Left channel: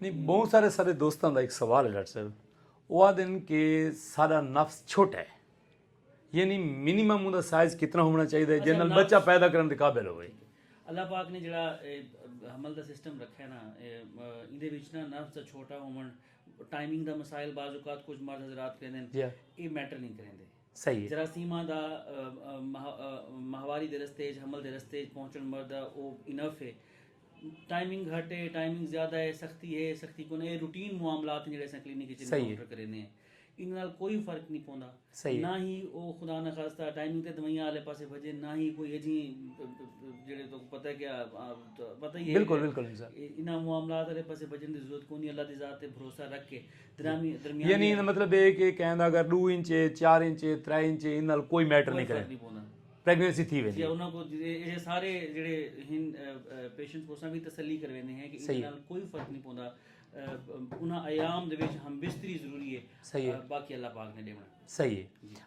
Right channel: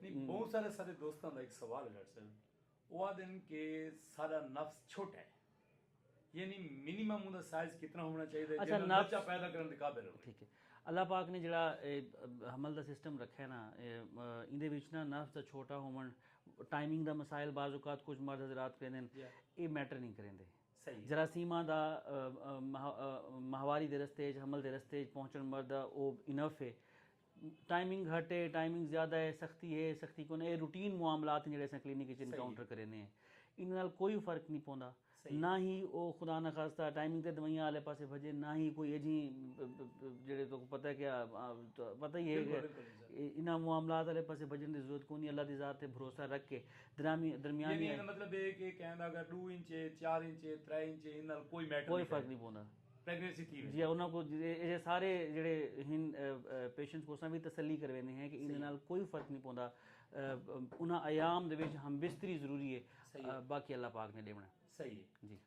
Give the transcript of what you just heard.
नहीं, बहुत सारे सारे दोस्तों का एक सवाल है डॉक्टर साहब, वो आते हैं कि सारा नफ्स छोटा है, यानी मिनिमम ਉਹਦਾ ਸਾਈਜ਼ ਕਿੰਨਾ ਹੋਣਾ ਚਾਹੀਦਾ ਹੈ ਜਿਹਦੇ ਨਾਲ ਬੱਚਾ ਪੈਦਾ ਕਰਨ ਦੇ ਕਾਬਿਲ ਹੋਵੇ। ਅੱਲਾਹ ਪਾਕ ਨੇ ਜਿਹੜਾ ਹਮਲ ਦਾ ਸਿਸਟਮ ਰੱਖਿਆ ਨਾ, ਇਹਦੇ ਵਿੱਚ ਨਾ ਨਫਸ ਦਾ ਛੋਟਾ ਹੋਵਣ, ਟਾਈਮਿੰਗ ਦਾ ਮਸਾਇਲ ਬਾਜ਼ ਔਕਾਤ ਕੁਝ ਮਰਦ ਹਜ਼ਰਾਤ ਕਹਿੰਦੇ ਨੇ ਇਹ ਮੈਟਰ ਨਹੀਂ ਕਰਿੰਦੇ। ਸਹੀ ਹੈ। ਜਰਾਸੀਮਾਂ ਦਾ ਮਾਹਵਾਰੀ ਦੇ ਰਸਤੇ 'ਚ ਹਮਲ ਦੇ ਰਸਤੇ 'ਚ ਪਹੁੰਚਣ ਮਰਦਾ ਉਹ ਇਨਫ ਹੈ। टाइमिंग घट है, टाइमिंग ज़्यादा है, सख्ती है, सख्ती को नहीं, रूटीन मामलात हैं ਜਿਹੜੇ क्लिनिक च काउंटर करे ने इन नाल कोई फर्क नहीं पौंदा। ना ही वो खुदा न खास्ता टाइमिंग ते दवाइयां वाले पासे भजे, ना ही कोई अजी जेड़े तो पता है क्या पता ही है बिल्कुल बिल्कुल इना मामलात वाले पासे भजन दी जरूरत कोनी। अल्लाह दी ज़ात ते भरोसा रख के दरमियान यानी मतलब ये कि कहंदा अगर 2 इंच 4 इंच 3 इंच इन नाल कोई मैटर नहीं करे, प्रेगनेंसी थी वे उन्होंने को ये सारे जेडे पेशेंट्स को भी तसल्ली करवाने हैं कि इस नाल कोई फर्क नहीं पौंदा। उन्हां अयाम दे विच हम बिस्तरी जरूरी है, सही है, बाकी अल्लाह पाक ने देना। सही है।